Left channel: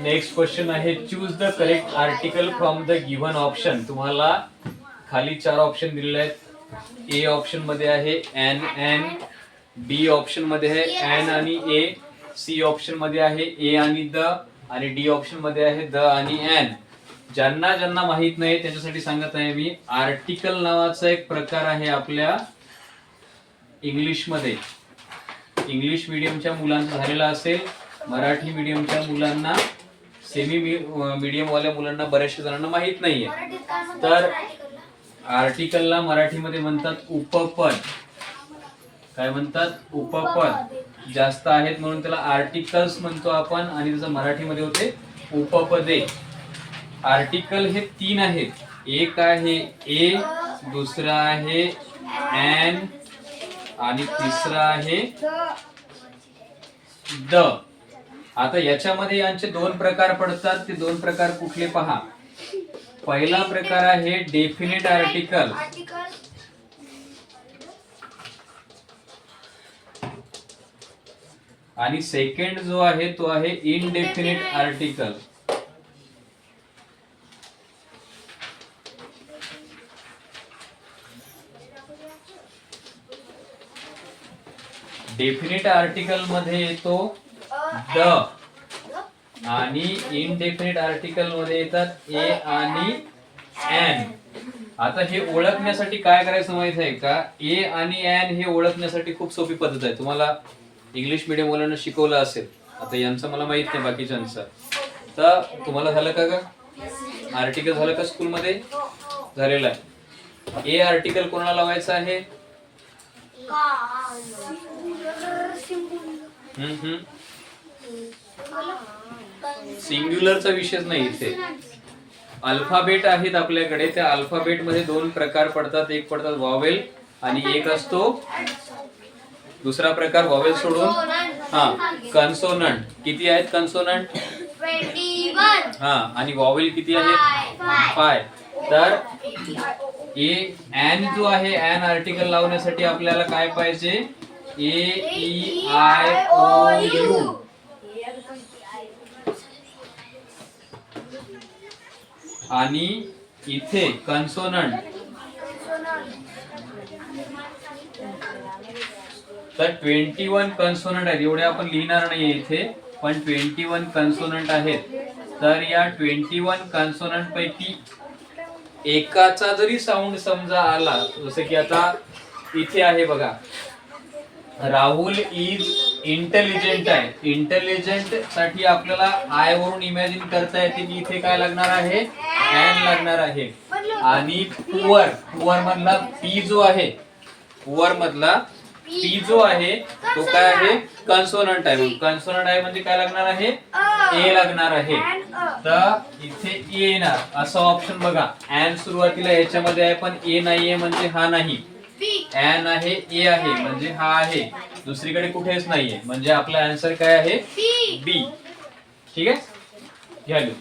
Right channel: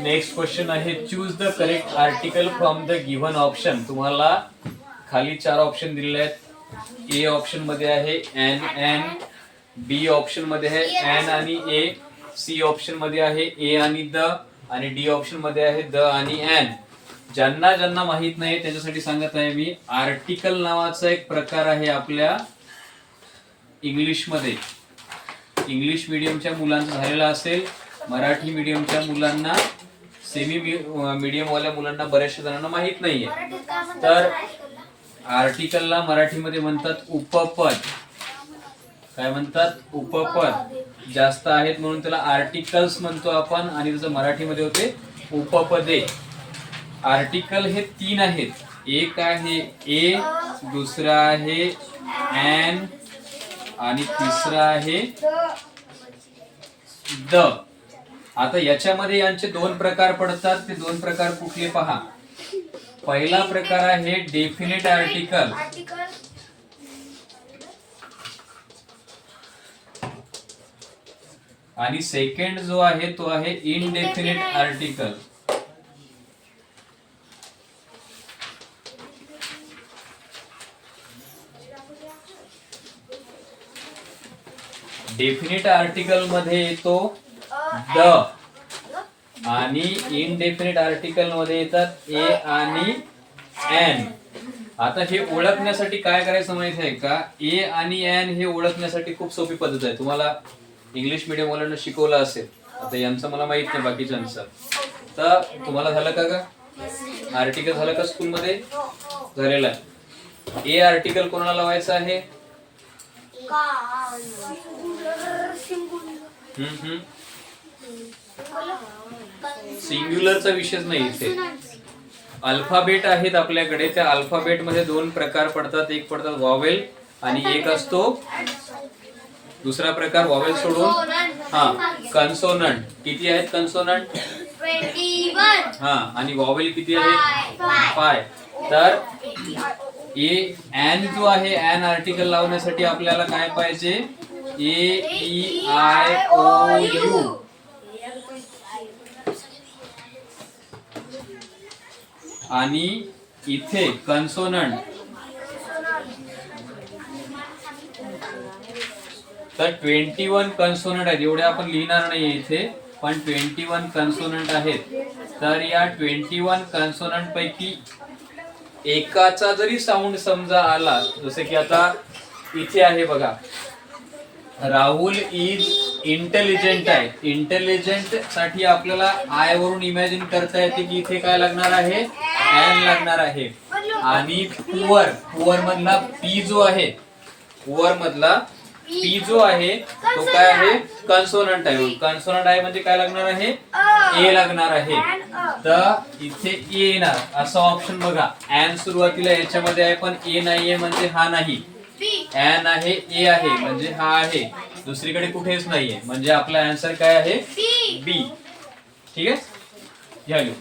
Next question आहे, choose the correct article from the given option. तुम्हाला खाली 4 option दिलेले आहेत. ए ऑप्शन मध्ये आहे एन एन, बी ऑप्शन मध्ये आहे एन आणि ए, सी ऑप्शन मध्ये आहे ए आणि द, आणि डी ऑप्शन मध्ये आहे द आणि एन. ज्यांना ज्यांना माहित नाही त्याच्यासाठी सांगत आहे मी. आर्टिकल नावाचा एक प्रकार आहे आपल्या इंग्लिशमध्ये. इंग्लिश मीडियमच्या मुलांचा झालेला असेल, मराठी मीडियमच्या मुलांना, सेमी मीडियम वाल्या मुलांना बऱ्याचशा जणांना माहित नाहीये. तर आर्टिकलला मराठीमध्ये म्हणतात उपपद. काय म्हणतात? उपपद. जास्त आहेत म्हणून त्याला आर्टिकल्स म्हणतो आपण, आणि त्याचं मराठीमध्ये होते उपपदे. आर्टिकल हे 3 आहेत. एक आहे ए, दुसरा आहे एन, आणि तिसरा आहे द. आता याच्यामध्ये यांचे 2 प्रकार पडतात. ते 2 प्रकार कुठले पहा. पहिला प्रकार आहे डेफिनेट आर्टिकल. आणि सेकंड जो आहे तो आहे इनडेफिनेट आर्टिकल. डेफिनेट आर्टिकल मध्ये येतो द, आणि इनडेफिनेट आर्टिकल मध्ये येतात ए आणि एन. आता हे ओळखण्यासाठी काय करायचं माहित आहे का? ए आणि एन हे ओळखण्यासाठी खूप सोपी पद्धत आहे. तुम्हाला इंग्लिश मीडियम वाल्यांना शिकवलं असेल. आता यांचं मला माहित नाही बाकीच्यांचं. तर तुम्हाला झालं का ग आर्टिकल? झालं का स्कूलमध्ये? झालेलं आहे. ए आर्टिकल कोणाला लावायचं आहे? सिंग्युलरचा विषयच नाही इथे. अल्फाबेट आहेत आपल्याकडे. त्या अल्फाबेट मध्ये 2 प्रकार पडतात. एक पडतात वॉवेल आणि एक असतो दुसरा प्रकार वॉवेल सोडून कन्सोनंट. किती आहेत कन्सोनंट? 21. आणि वॉवेल किती आहे? 5. तर ए एन जो आहे, एन आर्टिकल लावण्यासाठी आपल्याला काय पाहिजे? ए ई आय ओ यू. आणि इथे कन्सोनंट. तर 21 कन्सोनंट आहेत. एवढे आपण लिहिणार नाहीये इथे, पण 21 कन्सोनंट आहेत. तर या 21 कन्सोनंट पैकी एकाचा जरी साऊंड समजा आला, जसे की आता इथे आहे बघा, राहुल इज इंटेलिजंट आहे. इंटेलिजंट साठी आपल्याला आय वरून इमॅजिन करता येते की इथे काय लागणार आहे? एन लागणार आहे. आणि पुअर, पुअर मधला पी जो आहे, पुअर मधला पी जो आहे तो काय आहे? कन्सोनंट आहे. कन्सोनंट आहे म्हणजे काय लागणार आहे? ए लागणार आहे. तर इथे ए येणार असा ऑप्शन बघा. एन सुरुवातीला याच्यामध्ये आहे पण ए नाहीये म्हणजे हा नाही. एन आहे, ए आहे म्हणजे हा आहे. दुसरीकडे कुठेच नाहीये म्हणजे आपला आन्सर काय आहे? बी. ठीक आहे, घ्या लिहून.